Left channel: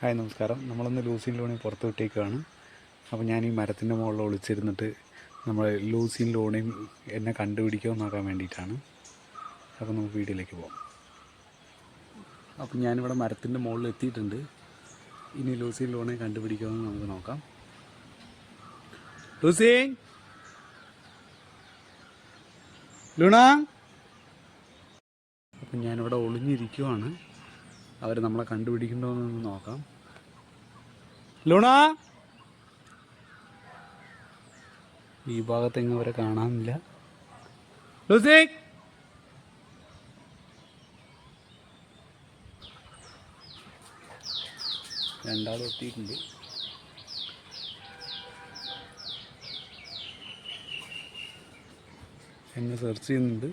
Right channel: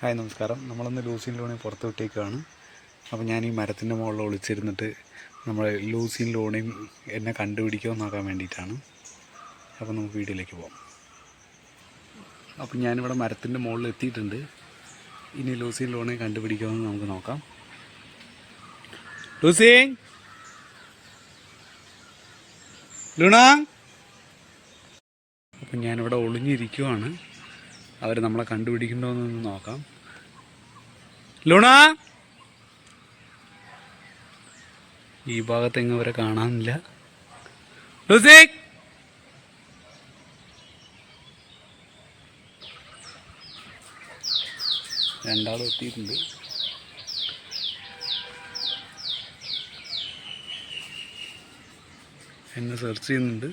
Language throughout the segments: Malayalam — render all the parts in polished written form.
ഹായ് നമസ്കാരം. നമ്മളൊന്ന് ലൂസിൻ ലോണിൽ പുറത്ത് വിട്ടേക്കുകയാണ്. അപ്പോൾ ഞാൻ ഈ മരത്തിൻ്റെ മുകളിൽ ഒളിച്ചിരുന്നിട്ട് നമ്മൾ ലൂസിൻ ലോണിയും എന്നെ കണ്ടുപിടിക്കുമോ നോക്കാൻ വേണ്ടിയിട്ടാണ്. അപ്പോൾ നമുക്ക് വീഡിയോയിലേക്ക് പോകാം. അപ്പോൾ ഞാനിവിടെ മരത്തിൻ്റെ മുകളിൽ എത്തിയിട്ടുണ്ട്. ഇനി ലൂസിൻ ലോണിയെ കണ്ടുപിടിക്കുമെന്ന് നമുക്ക് നോക്കാം. Lucy, Luna. അപ്പം ഞാനിവിടെ ഒളിഞ്ഞിരിക്കുവാണ്. അവർ നമ്മളെ കണ്ടുപിടിക്കണ്ടോയെന്നൊന്ന് നോക്കാം. ലൂണ, ഈ ഭാഗത്തെങ്ങും അവരെ കാണാനില്ല. ലൂസി, രണ്ടാളും എത്തിയിട്ടുണ്ട്. എന്നെ സെർച്ച് ചെയ്യുന്നുണ്ട്.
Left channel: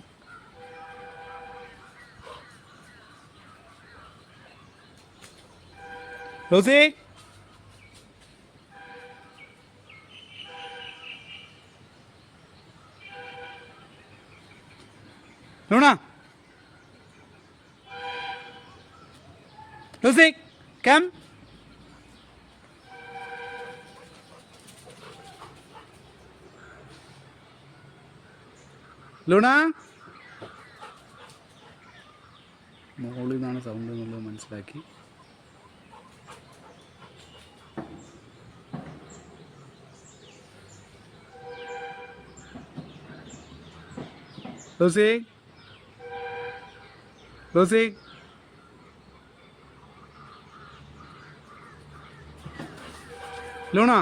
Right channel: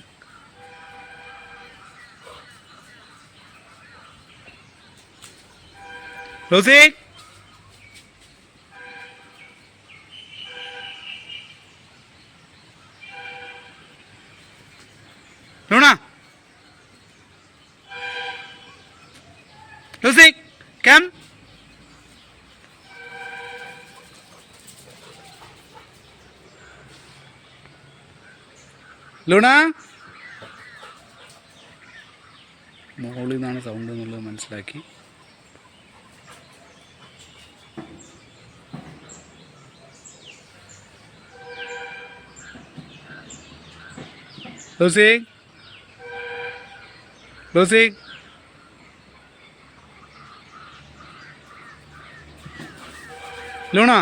Lucy, Luna, Lucy, come. Luna, മുകളിൽ നിന്നാണ് സൗണ്ട് എന്നുള്ളത് മനസ്സിലാക്കി. ലൂസി, ലൂസി, ലൂണ,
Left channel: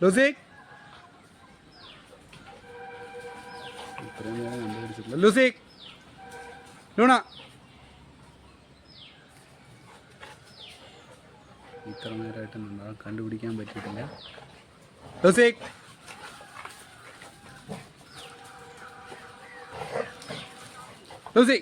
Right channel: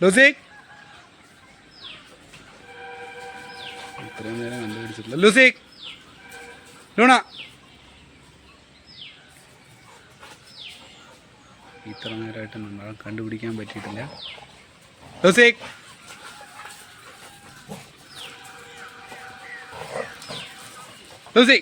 ലൂസി, ഇത്രയും നേരം കണ്ടുപിടിച്ചിട്ടില്ല. ലൂസി, ലൂണ, ഇത്ര നേരമായിട്ട് നമ്മൾ കണ്ടുപിടിക്കാൻ പറ്റിയിട്ടില്ല. ലൂസി, ലൂസി,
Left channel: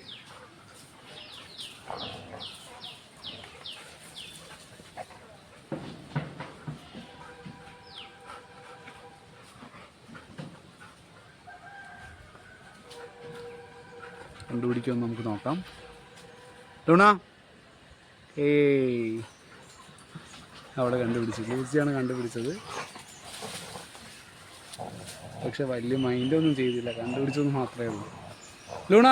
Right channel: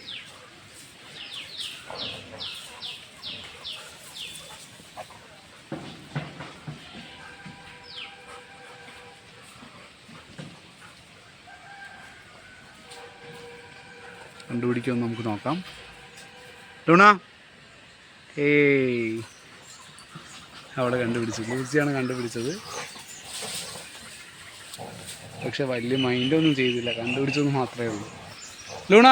കണ്ടുപിടിക്കുമെന്ന് നമുക്ക് നോക്കാം. ലൂണ, ഏയ്, അവിടെ കണ്ടുപിടിച്ചു. ലൂസിയാണ് കണ്ടുപിടിച്ചത്. പക്ഷെ വലിയ മൈൻഡൊന്നും ചെയ്തില്ല, കണ്ടുപിടിച്ചെന്ന് മാത്രമേ ഉള്ളൂ. ലൂണ,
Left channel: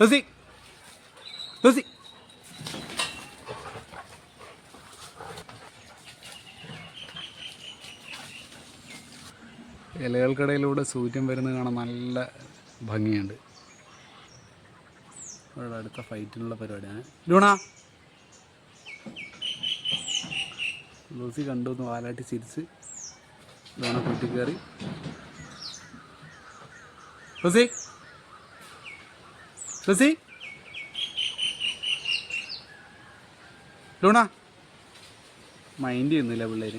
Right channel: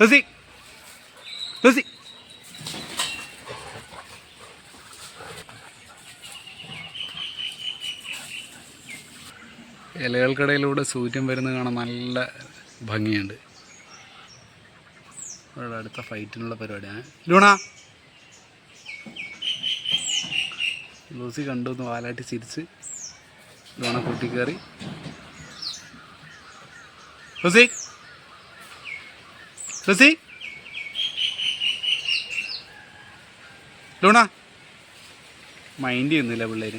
ലൂസി, ലൂസി, ഇലകൾക്കിടയിലൂടെ സൂര്യൻ വരുന്നത് കാണാൻ നല്ല ഭംഗിയുണ്ട്. അവിടെ അടുത്ത ഫൈറ്റിനുള്ള പരിപാടിയാണ്. ലൂണ, ലൂസി കണ്ടു എന്ന് വാലാട്ടി ചിരിച്ച് ലൂണ കൂട്ടിക്കയറി. ലൂസി, ലൂസി, ലൂണ, മൈൻഡ് ചെയ്യുന്നില്ല പിള്ളേർ.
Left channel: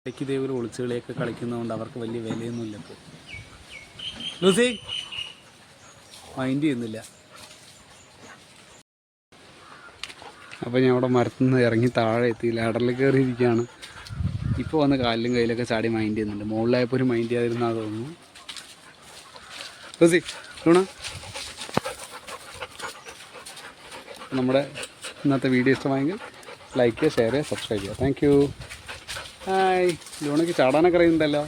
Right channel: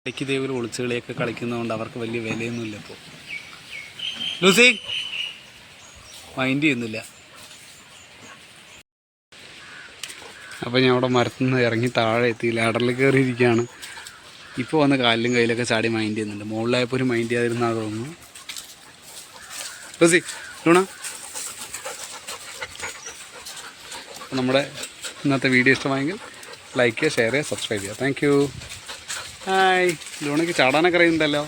ഇടയ്ക്ക് ഇതേപോലെ ഒളിച്ചുകളിയൊക്കെ കളിക്കുന്നതുകൊണ്ട് അവർക്ക് വലിയ വിലയൊന്നുമില്ല ഇപ്പോൾ. ലൂസി മൈൻഡ് ചെയ്യുന്നില്ല. അപ്പോൾ ഞാൻ അവിടെ മരത്തിൽ നിന്ന് ഇറങ്ങി താഴെ എത്തി ലാഡറിൽ കയറിയിരിക്കുകയാണ്. ഇപ്പോൾ വന്ന് കാലിലും കയ്യിലൊക്കെ ചാടി മൈൻഡ് ചെയ്യുന്നുണ്ട്. മുകളിലായപ്പോൾ ഒരു മൈൻഡ് ചെയ്യാതിരുന്നാൽ തോന്നുന്നു. ലൂസി, ലൂണ, നമ്മുടെ ഇന്നത്തെ വീഡിയോ ഇഷ്ടമായെങ്കിൽ ലൈക്ക് ചെയ്യുക, ഷെയർ ചെയ്യുക, സബ്സ്ക്രൈബ് ചെയ്യുക. Thank you. ഹായ്, ലൂണയ്ക്ക് ചാടാനൊക്കെ അറിയുന്നുണ്ടല്ലോ.